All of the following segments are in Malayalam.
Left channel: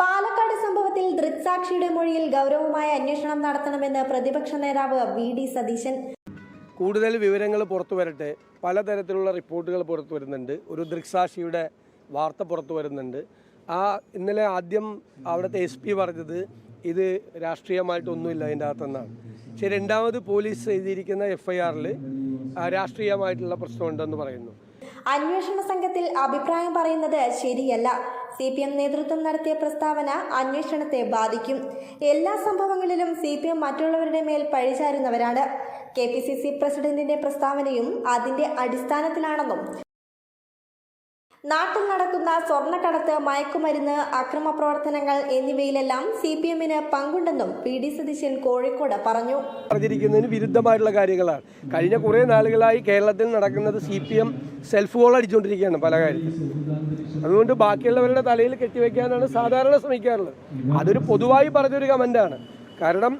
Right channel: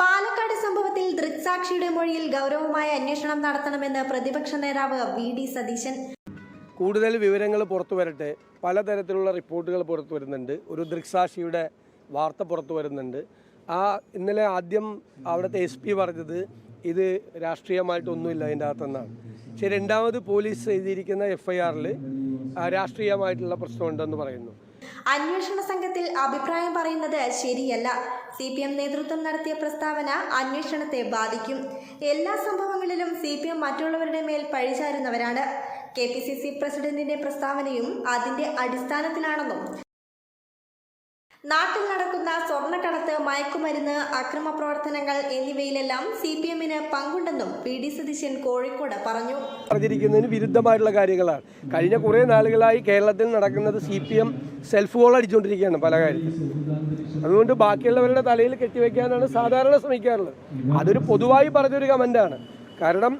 പാലക്കാട് സംഭവത്തിൽ ദൃക്സാക്ഷിയുടെ മൊഴിയിൽ ഗൗരവമായ അന്വേഷണം നടത്തണമെന്ന് പ്രതിപക്ഷ നേതാവ് വി.ഡി. സതീശൻ. കൂടുതൽ വിവരങ്ങൾ പുറത്തു വരട്ടെ. പലതരത്തിലുള്ള റിപ്പോർട്ടുകൾ പുറത്തു വരുന്നുണ്ട്. ഒരു ദൃക്സാക്ഷിയുടെ വാർത്ത പുറത്തു വരുന്നുണ്ട്. ഇന്നലെ ആദ്യം അവിടുത്തെ SP പറഞ്ഞത് ഇത് രാഷ്ട്രീയമായിട്ടൊന്നുമില്ല അതിൻ്റെ അകത്തെന്നാണ്. പക്ഷേ രണ്ടാമത് പോലീസ് എഴുതിയിരിക്കുന്ന FIRൽ രാഷ്ട്രീയമായിട്ടുള്ള പ്രശ്നമുണ്ടെന്ന് പറയുന്നു. അന്വേഷണ സംഘത്തിൽ അഭിപ്രായം പറയുന്നത് ശരിയല്ല. CPM നേതൃത്വം നടത്തിയ പ്രസ്താവന അന്വേഷണത്തെ ബാധിക്കും. എല്ലാ സംഭവങ്ങളിലും CPM മറ്റുള്ളവരുടെ മേൽ പഴിചാരുന്നവരാണ്. KPCC പ്രസിഡന്റിന്റെ പ്രസ്താവനയും അതിന്റെ അടിസ്ഥാനത്തിലാണെന്നും നാട്ടിൽ നടക്കുന്ന സ്വർണ്ണക്കടത്ത്, മയക്കുമരുന്ന്, അക്രമ പ്രവർത്തനങ്ങൾ എന്നിവയിലെല്ലാം CPMന് പങ്കുണ്ടെന്നും വി.ഡി. സതീശൻ കോഴിക്കോട് പറഞ്ഞു. പറഞ്ഞിരിക്കുന്നതിന് വിരുദ്ധമായിട്ടുള്ള കാര്യങ്ങളാണ്. കഴിഞ്ഞ കുറേ നാളുകളായി കേരളത്തിൽ നടക്കുന്നത് CPM സെൽഫ് ഗോൾ അടിച്ചുകൊണ്ടിരിക്കുകയാണ് പല കാര്യത്തിൽ. അതുകൊണ്ട് ബാക്കിയുള്ളവരുടെ തലയിൽ കെട്ടിവെക്കാനാണ് സാധാരണ ശ്രമിക്കാറുള്ളത്. അതൊരു പൊതുവായി പറഞ്ഞൊരു കമൻ്റാണ്. കാരണം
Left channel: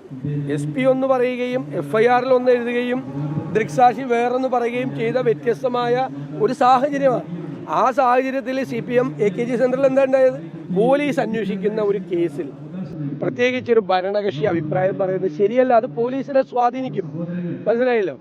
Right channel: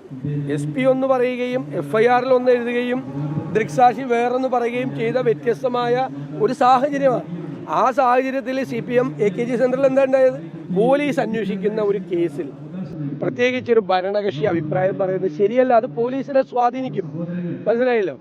SP ഒന്ന് പറയുകയും FIRൽ ഒന്ന് എഴുതുകയും ദൃക്സാക്ഷി വേറൊന്ന് പറയുകയും ചെയ്ത വ്യത്യസ്തമായ ഒരു സാഹചര്യമാണ്. ആ സാഹചര്യത്തിൽ CPM AKG സെൻറ്ററിൽ എന്താ ഉണ്ടായത്? പോലീസ് അന്വേഷിക്കുന്ന ഒരു കേസിൽ പ്രത്യേകിച്ചൊരു ഭരണകക്ഷി അഭിപ്രായം പറയുന്നത് ശരിയല്ല. അത് പോലീസിനെ സ്വാധീനിക്കും. മനസ്സിലായല്ലോ?